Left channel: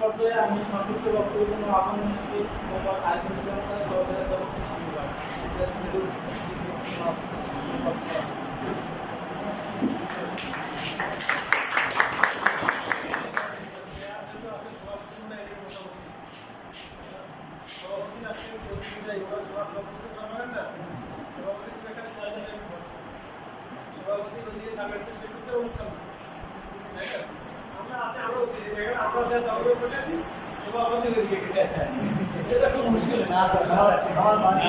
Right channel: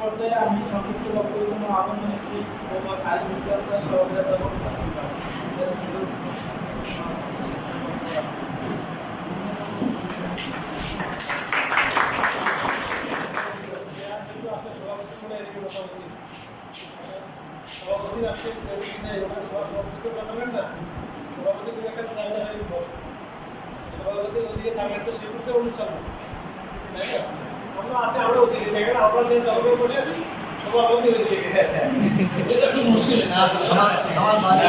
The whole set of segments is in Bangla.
পর্যায়ে আমি সংক্ষিপ্ত বক্তব্য জন্য আহ্বান জানাচ্ছি মোহাম্মদ আলী স্যার, সহকারী রাখবেন। সভাপতি আসছে সভাপতি বানাবেন না সভাপতি তুমি একটা বসো সভাপতি ওদিকে থাকলেন তো সেক্ষেত্রে অনুষ্ঠান তাই না? আমরা আছে আমরা অতিথি দেখেন আমরা যে দলকে বসে আছি সভাপতি ওদিকে এটা একটু মুশকিল আমার আমার বাড়ি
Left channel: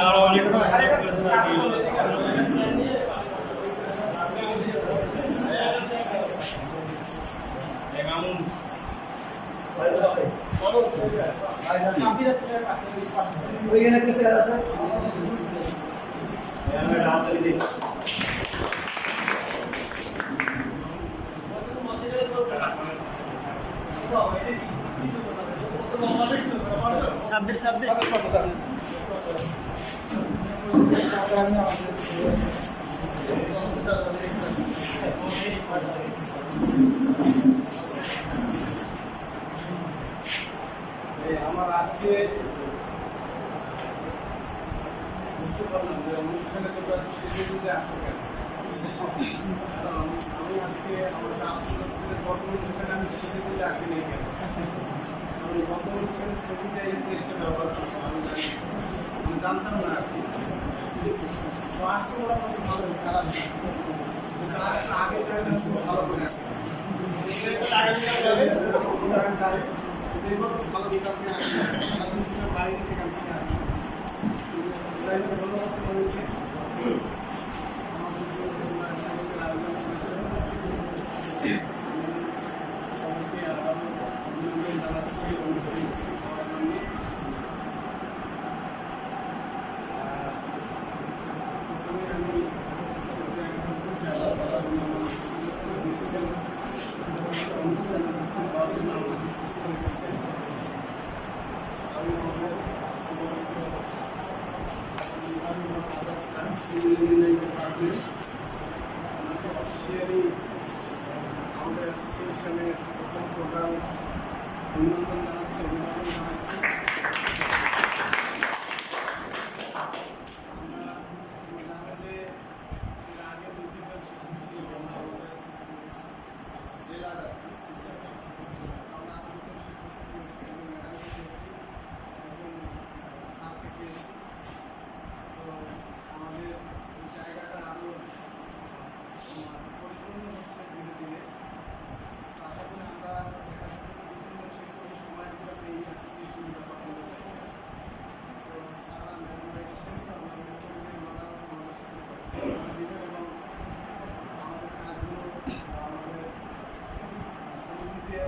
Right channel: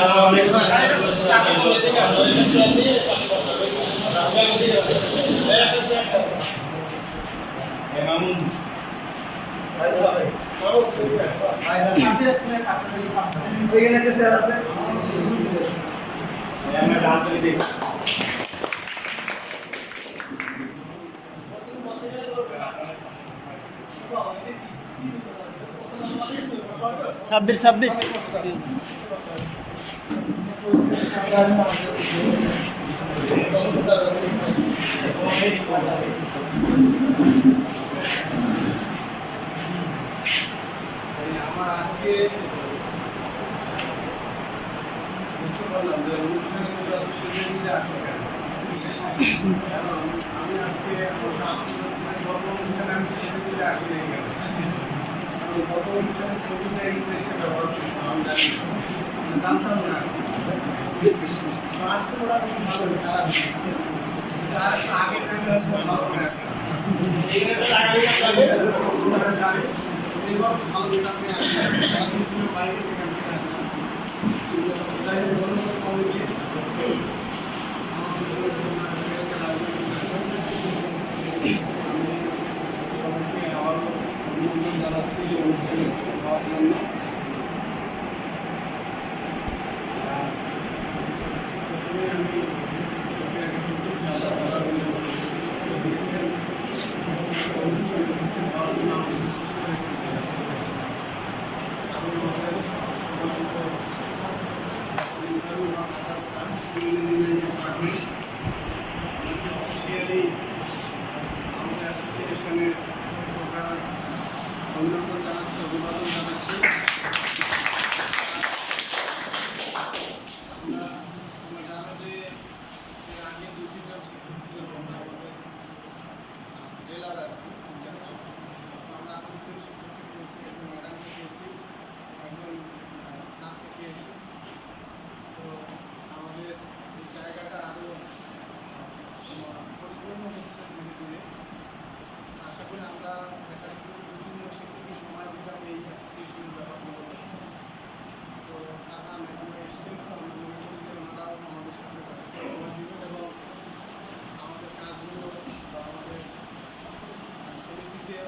সাব্বির সাব্বির। আমার আজকে বুঝতে পারলাম যে অনুষ্ঠানে তোমরা সেজে আসো কেন আমি আজকে আমার সাহস হচ্ছে যে গত অনুষ্ঠানে আমি আসি আমি গত অনুষ্ঠানে ছবিটা ব্যবহার করছিলাম জানি। জানতাম না তো আসছে ওরা ভালো আর একটু আগে ভালো করে আসতাম। এবার ভালো সারাদিন ছিলেন বাইরে সেখান থেকে আসলেন যাই হোক Batı Yolcu'nun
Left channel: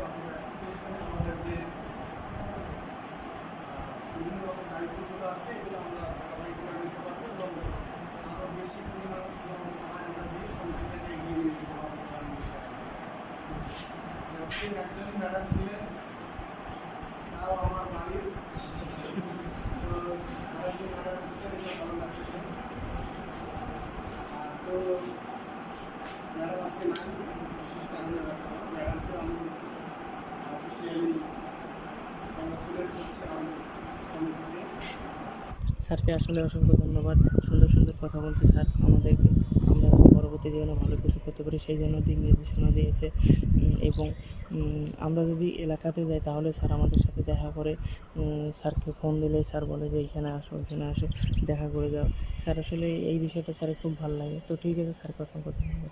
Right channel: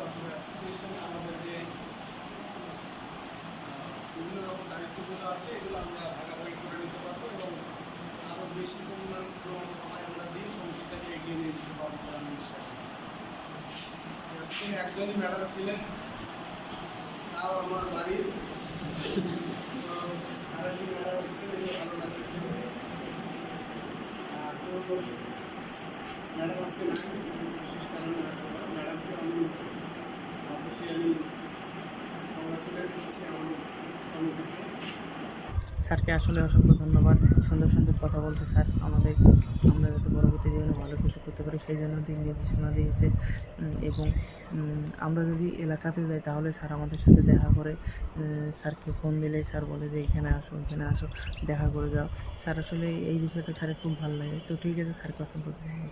অথবা অ্যাসোসিয়েশনে আমাদের যে বিভিন্ন রকম দায়িত্বগুলো আছে, এগুলো আমরা ভাগাভাগি করে নিতে পারব এবং আরও বেশি পরিমাণ শ্রম, সময় আমরা দিয়ে সমিতিটাকে এগিয়ে নিয়ে যেতে পারব আমি বিশ্বাস করি। একজনই ম্যাডাম ছিলেন, তাও আমার বাড়ির। তো আরেকজন ম্যাডাম এসেছেন, এগুলো ভালো লাগতেছে। তো ম্যাডাম আজকে নাই বিশেষ কারণে হয়তো স্যারকে আসলে অসংখ্য ধন্যবাদ। সুন্দর সুন্দর কথা বলছে স্যার। আমাদের, আমরা পরবর্তী জীবনে ভালো কিছু করতে পারি, সেই জন্য দিক নির্দেশনা দিয়েছে। এবং আমরা যদি এলাকাতে যাই, তাহলে স্যার আমাদের সাথে দেখা করে স্যারকে ফোন দিলে স্যার বলে যে, এখানে আসো এখানে আসো, দেখা করে যাও। স্যার আসলে এই বিষয়টা স্যারের খুব ভালো লাগে। তো ঠিক আছে, স্যারকে অসংখ্য ধন্যবাদ।